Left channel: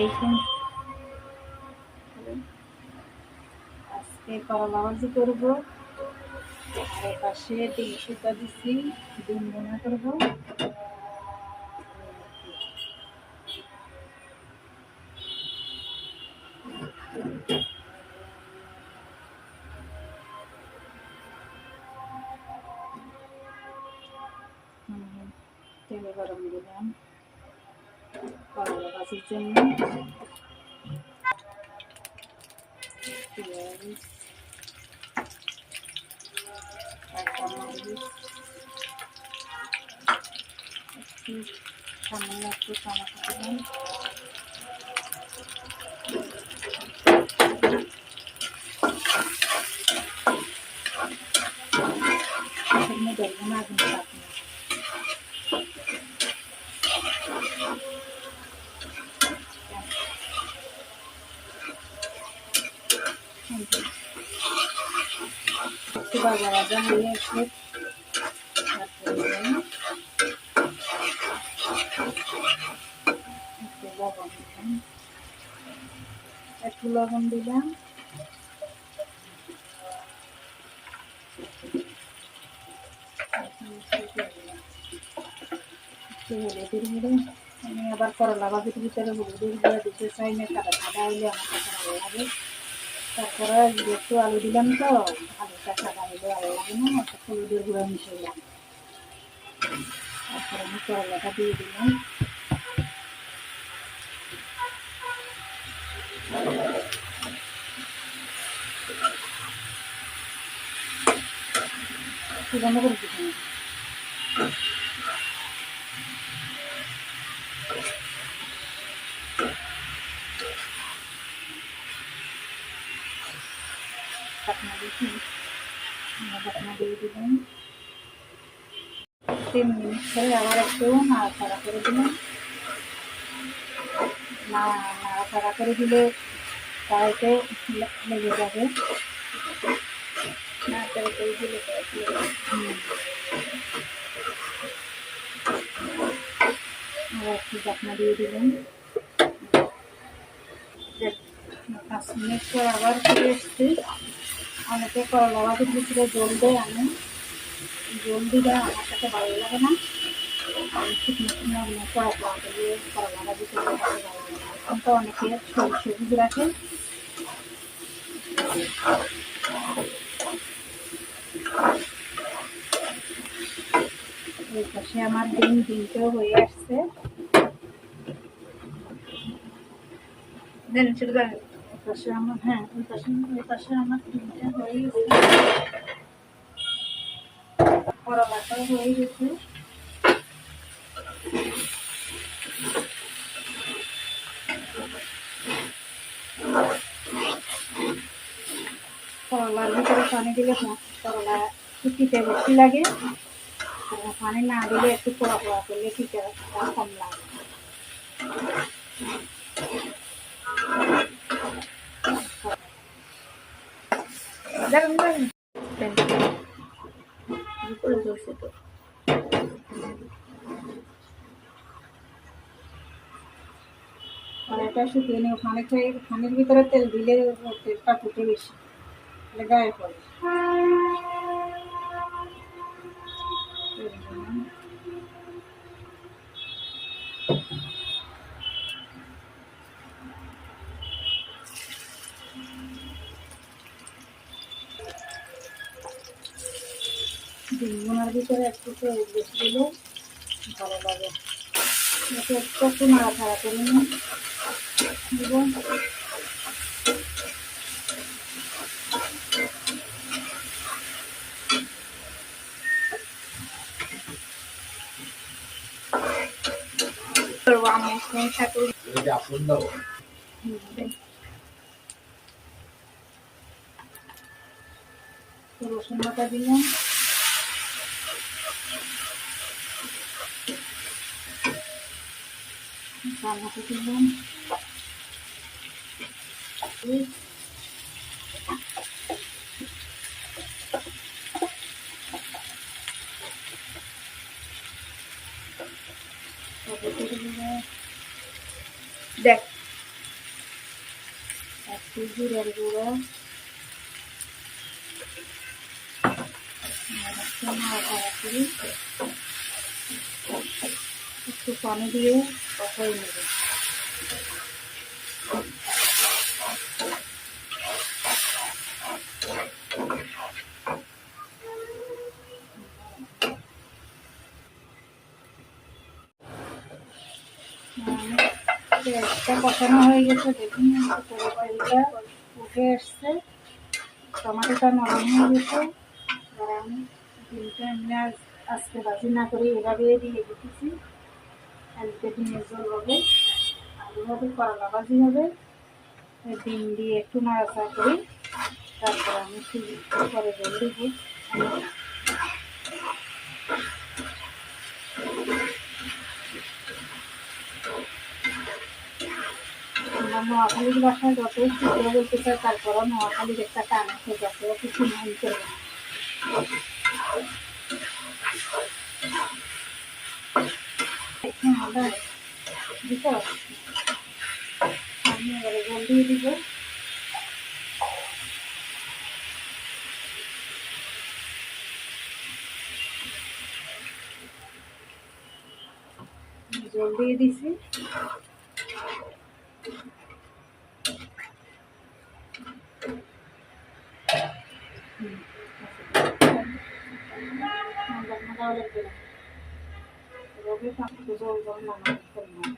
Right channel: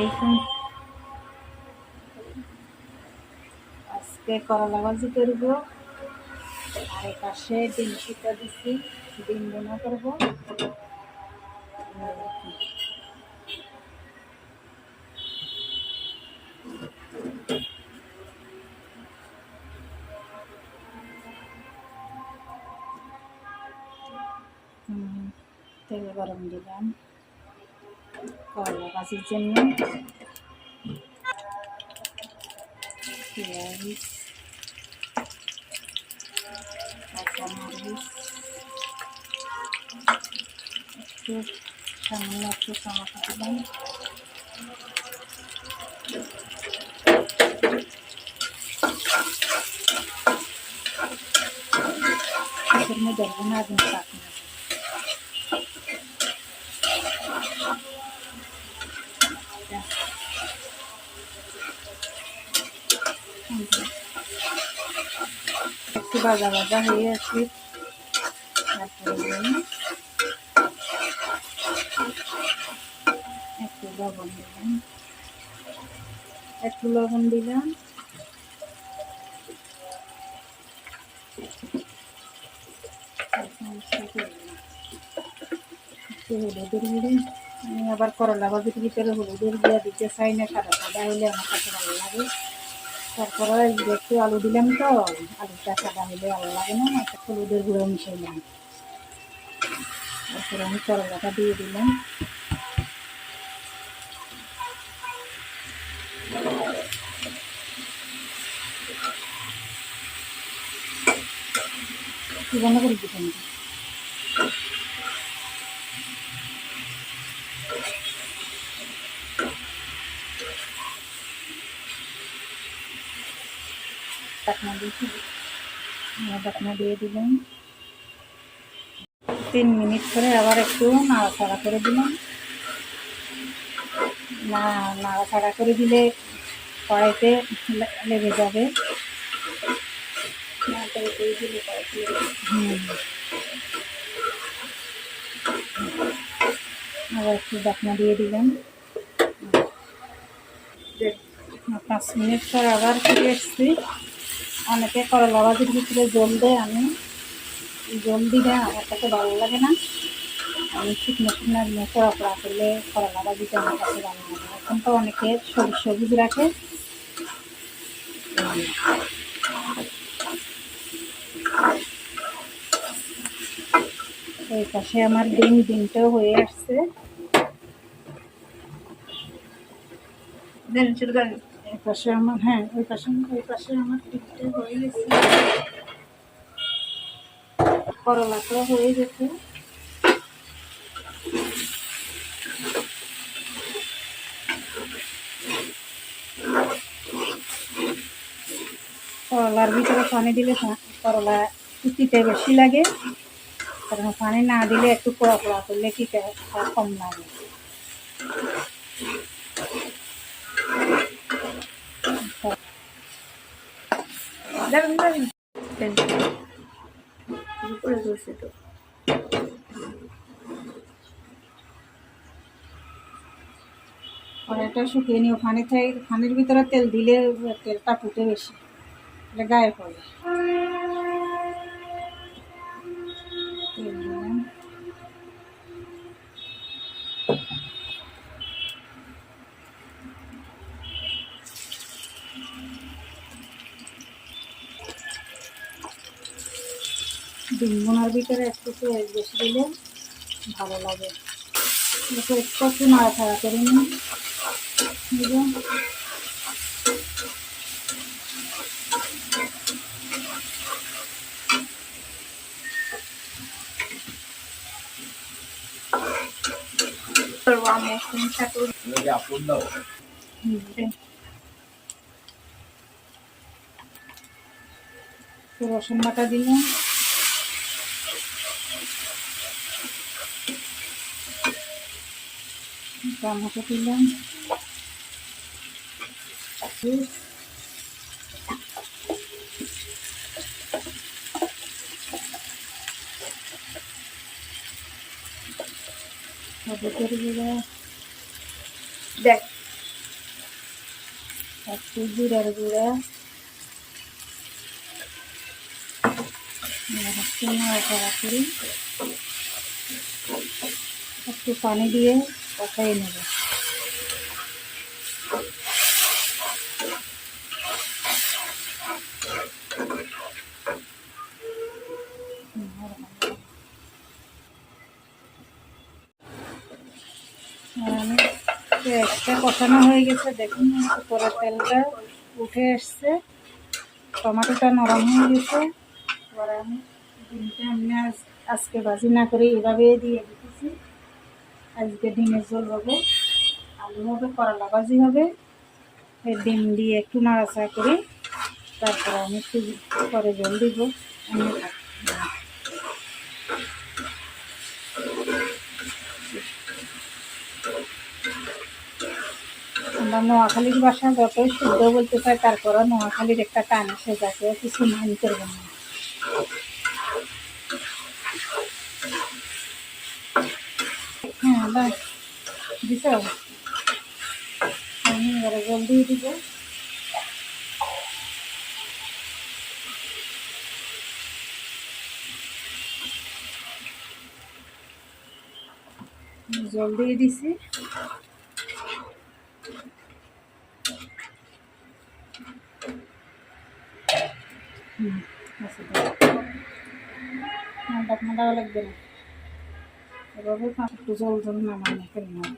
দেখুন আজকে করলা ভাজি করব, আর এপাশে ডিম সিদ্ধ দিচ্ছি, ডিম বোনা করব। তেল গরম দিলাম করলা ভাজির জন্য। পেঁয়াজ, কাঁচামরিচ, একটু সামান্য একটু টমেটো দিলাম, এর মধ্যে না আগুন পাকনি। একটু ভাজা ভাজা হয়ে আসলে তারপরে একটু লবণ দিলাম, একটু লবণ দিলাম, একটু হলুদের গুঁড়ো। আমি আবার করলা ভাজির ভিতরে হলুদের গুঁড়া দিতে চাই না, সাদা সাদা হইলে আমার কাছে ভালো লাগে। তারপরে একটু আলু দিলাম, তো আলুটা সাদা হলে ভালো লাগে না, একটা হলুদের গুঁড়ো মিশাইলাম। তারপরে আমি করলাটা দিয়ে দিলাম, বন্ধ করে দিতে ঢাকনা দিয়ে দিলাম। 3 মিনিট করে আবার একটু নাড়াচাড়া করে দিলাম। নাড়াচাড়া করে দিলে কড়াইতে লেগে যাবে, নাড়াচাড়া করে দিলে কড়াইতে আবার একটু ঢাকনা দিয়ে দিলাম। 5 মিনিট পর আবার ফিরে এসছি। অনেকে করলা ভাজির ভিতরে জল দেয়, আমি জল দিলে আমার কাছে ভালো লাগে না। আমি শুকনো শুকনো কড়া কড়া করলে করলা ভাজিটা আমার কাছে ভালো লাগে না। এখন তো অনেকে সবুজ রাখে। ওই পাশে আমার ডিমটাও হয়ে আসছে। ওই পাশে আমার ওই পাশে আমার ডিমটা হয়ে গেছে, করলাটাও হয়ে গেছে। করলার ভিতরে পানি দিলে করলা ফুটিতে বেশি লাগে, কারণ পানি না দিলে একটু পোড়া পোড়া করলে টিকা কম লাগে। কড়াইটা শুকিয়ে নিও, পানির ভিতরে তেল দিলে তেলটা ফুটে বেশি, গায়ে পড়ে। ডিম বোনার ভিতরে একটু বেশি দিলে ভালো লাগে। একটু নাড়াচাড়া করে নিই। রসুন বাটা দিলাম, টমেটো দিলাম, দেখ একটু জিরার গুঁড়া, একটু নাড়াচাড়া করি, একটু পানি দিয়ে কষাই নেব। পেঁয়াজটা কষানো হয়ে গেছে, দেখুন উপরে তেলটা উঠে আসছে, টমেটোটা নরম হয়ে গেছে। এবার আমি ডিমটা এমনি আজকে ভাজি না করে এভাবে দিয়ে দিতেছি। আজকে ডিমের ঝোল হবে, আলু হবে, করলা ভাজি হবে। এই ডিম দিয়ে একটু নাড়াচাড়া করি, তারপর আমি একটু পরে জল দিব। আমরা নোয়াখালীর ভাষা যতই শুদ্ধ বলতে চাই, তারপরও নোয়াখালীর একটা টান আসে, যাকে কিছু মাইন্ড করবে না। হ্যাঁ বাস দিছ, আমি এবারে জল দিয়ে দিব। জল দিয়ে দিছি। ঠান্ডা লাগবে না, এভাবে একটু জল জল নামানো কেমন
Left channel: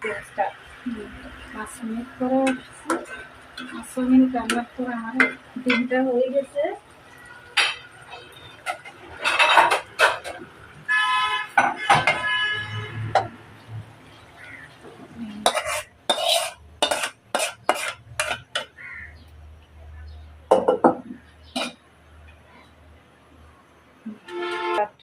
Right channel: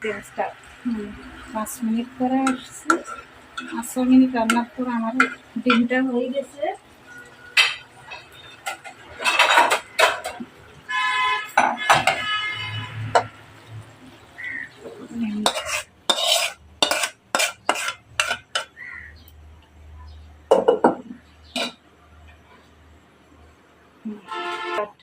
পেঁয়াজটা 5 মিনিট পরে এসছি। 5 মিনিট রান্নার পর আমার ডিমটা হয়ে গেছে।